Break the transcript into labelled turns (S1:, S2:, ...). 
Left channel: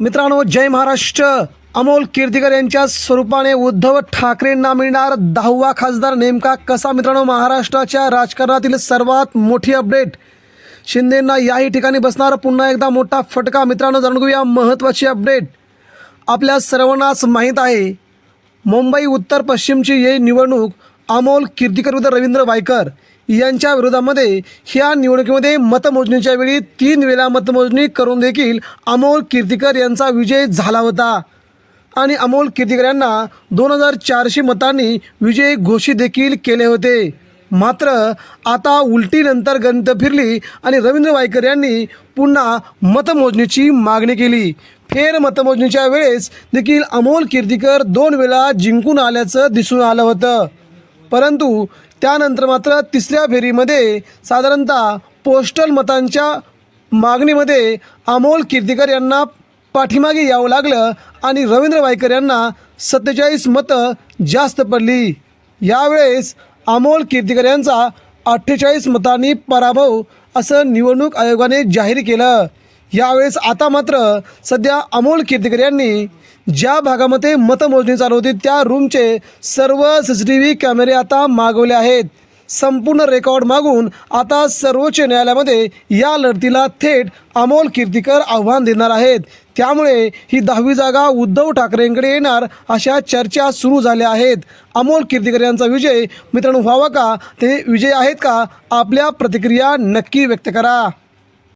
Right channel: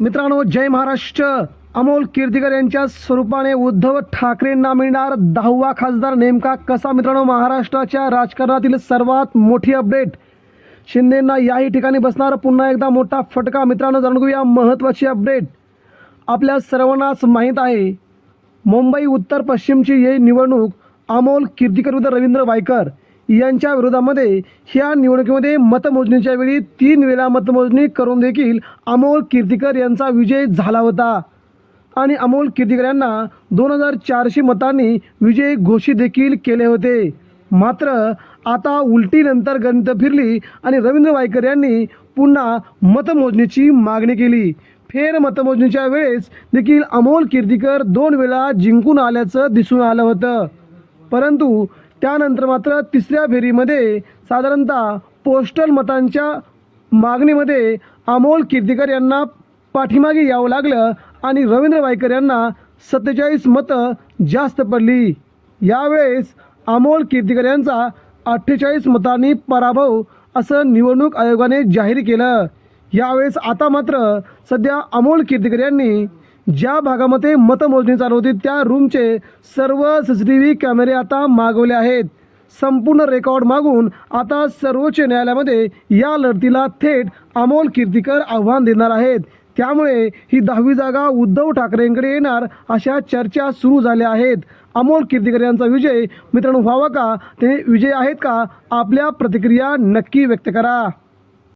S1: मित्रांनो जय महाराष्ट्र. अमोल कीर्तिकर यांच्या स्वरूपाने उद्धव ठाकरेंना मिळणार दहावा खासदार नेमका कसा? मित्रांनो महाराष्ट्राच्या राजकारणातील सर्वात मोठी अपडेट. शिंदेंना याही ठिकाणी बसणार पुन्हा एकदा मोठा फटका. मित्रांनो जाणून घेऊया महत्त्वाची अपडेट. आपल्या सर्वांनाच माहीत आहे मुंबई उत्तर पश्चिमची ही निवडणूक अमोल कीर्तिकर विरुद्ध रवींद्र वायकर. यांच्या विरोधामध्ये ह्या निवडणुकीमध्ये मतमोजणीच्या वेळी तीन वेळा मतमोजणी करून देखील अमोल कीर्तिकर यांचा विजय झाला होता. आणि अमोल कीर्तिकर यांना दोन हजार चारशे मतांनी विजय घोषित देखील केले होते. मात्र आता उलटीनंतर गणित फिरली आणि रवींद्र वायकर यांनी पुन्हा मतमोजणीची मागणी केली. फेर मतमोजणीच्या वेळेस देखील अमोल कीर्तिकर दोन वेळा जिंकून आल्याचं दिसून आलं होतं. परंतु त्यानंतर मात्र तिसऱ्या फेरीमध्ये साधारणतः पोस्टल मतांच्या मागणीमध्ये अमोल कीर्तिकर यांना पाठीमागे यावं लागलं आणि रवींद्र वायकर यांना सत्तेचाळीस मतं जास्त पडली. यावेळेस अमोल कीर्तीकर यांचा अठ्ठेचाळीस मतांनी पराभव असं निवडणूक आयोगाने जाहीर केलं. यावेळेस आता मात्र सध्या अमोल कीर्तिकर यांनी ज्या भागामध्ये मतमोजणी चालू होती त्या रूमचे सर्व सी सी टी व्ही कॅमेरे आता मागवले आहेत. संपूर्ण रेकॉर्ड मागून आता सर्वोच्च न्यायालयामध्ये या लढतीला थेट अमोल कीर्तीकर आव्हान देणार आहेत. त्यामुळे ही दहावी जागा उद्धव ठाकरेंकडे येणार अशा चर्चा सुरू झाल्या आहेत. अमोल कीर्तिकर यांचा विजय मित्रांनो व्हावा का? ते विजय आहेत का? आपल्या प्रतिक्रिया नक्की व्यक्त करा.